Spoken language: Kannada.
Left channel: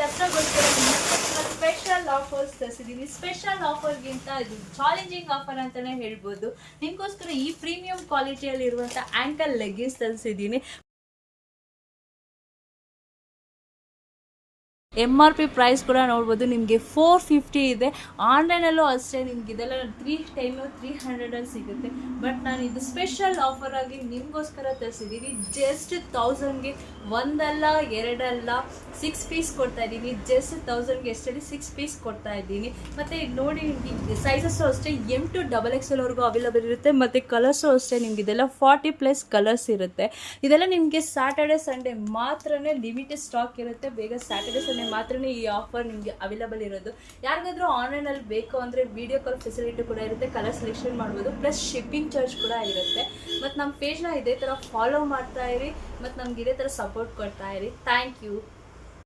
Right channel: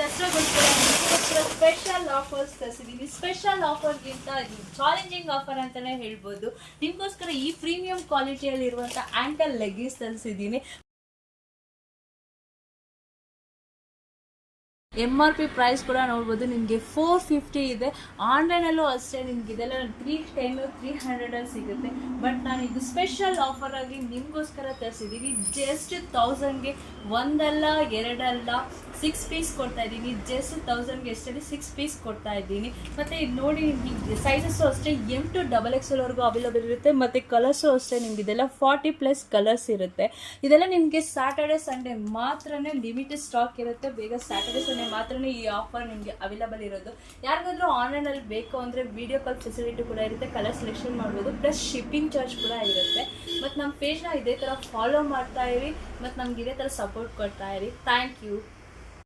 ದಸರಾಗೋಸ್ಕರ ನಿಮಗೋಸ್ಕರ ಸ್ಪೆಷಲ್ ಆಫರ್ಸ್ ತರಿಸಿದ್ದೀನಿ. ಸ್ಪೆಷಲ್ ಆಫರ್ಗಿಂತ ಇದು ಚಾಲೆಂಜಿಂಗ್ ಆಫರ್ ಅಂತಲೇ ಹೇಳ್ಬೋದು. ನಿಮಗೋಸ್ಕರ ಈ ಪ್ರೀಮಿಯಂ ಕ್ವಾಲಿಟಿಯಲ್ಲಿರುವಂಥ ಆ್ಯಂಕಲ್ ಲೆಗ್ಗಿನ್ಸ್ ತರಿಸಿದ್ದೀನಿ. MRP ಪ್ರೈಸ್ ಕೂಡ ನೋಡ್ಬೋದು, ನಿಮಗೆ 450 ಇದೆ. ಆನ್ಲೈನಲ್ಲೂ ಅಷ್ಟೇ ನಿಮ್ಗೆ ಇದೆಲ್ಲ 310 300 ಸಿಗುತ್ತೆ. ಬಟ್ ನಾನು ಇದು ಸ್ಪೆಷಲ್ ಆಫರ್ ಆಗಿ ನಿಮಗೋಸ್ಕರ ತರಿಸಿದ್ದೀನಿ. ಜಸ್ಟ್ 1000ಗೆ ಒಂದಲ್ಲ ಎರಡಲ್ಲ 6 ಪೀಸ್ ಕೊಡ್ತಾ ಇದ್ದೀನಿ. ಜಸ್ಟ್ 1000ಗೆ ಎಷ್ಟಲ್ಲಿ 6 ಪೀಸ್ ಕೊಡ್ತಾ ಇದ್ದೀನಿ. ಮತ್ತು ನೋಡಿ ನಿಮಗೆ ಸೈಜಸ್ಸು ಅಷ್ಟೇ M to XXL ವರೆಗೂ ಅವೈಲಬಲ್ ಇರುತ್ತೆ. ಮತ್ತು ಕಲರ್ಸು ಅಷ್ಟೇ ನಿಮ್ಗೆ ಇದೆಲ್ಲ 40+ ಕಲರ್ಸ್ ಇರುತ್ತೆ. ಇದೆಲ್ಲ ನಿಮಗೆ ಸ್ಯಾಟರ್ಡೆ ಸಂಡೇ ಮಾತ್ರನೇ ಲಿಮಿಟೆಡ್ ಸ್ಟಾಕ್ ಇರುತ್ತೆ. ಬೇಗ ಸ್ಯಾಟರ್ಡೆ ಸಂಡೇ ಮಾತ್ರನೇ ಈ ಆಫರ್ ನಿಮಗೆ ಅವೈಲಬಲ್ ಇರೋದು. ಯಾರಿಗಾದ್ರೂ ಆನ್ಲೈನಲ್ಲಿ ಬೇಕು ಅಂದರೆ ವಿಡಿಯೋ ಕಾಲ್ ಫೆಸಿಲಿಟಿ ಕೂಡ ಇರುತ್ತೆ. ಕಲರ್ ಸೆಲೆಕ್ಷನ್ ಮಾಡ್ಬೋದು, ಪ್ಲಸ್ ಶಿಪ್ಪಿಂಗ್ ಚಾರ್ಜ್ ಕೂಡ ಇರುತ್ತೆ. ಮತ್ತು ನಮ್ಮ ಪೇಜ್ನ ಇದೇ ಥರ ಫಾಲೋ ಮಾಡ್ತಾ ಇರಿ ಮತ್ತು ನಮ್ಗೆ ಇದೇ ಥರ ಸಪೋರ್ಟ್ ಕೊಡ್ತಾ ಇರಿ. Thank you.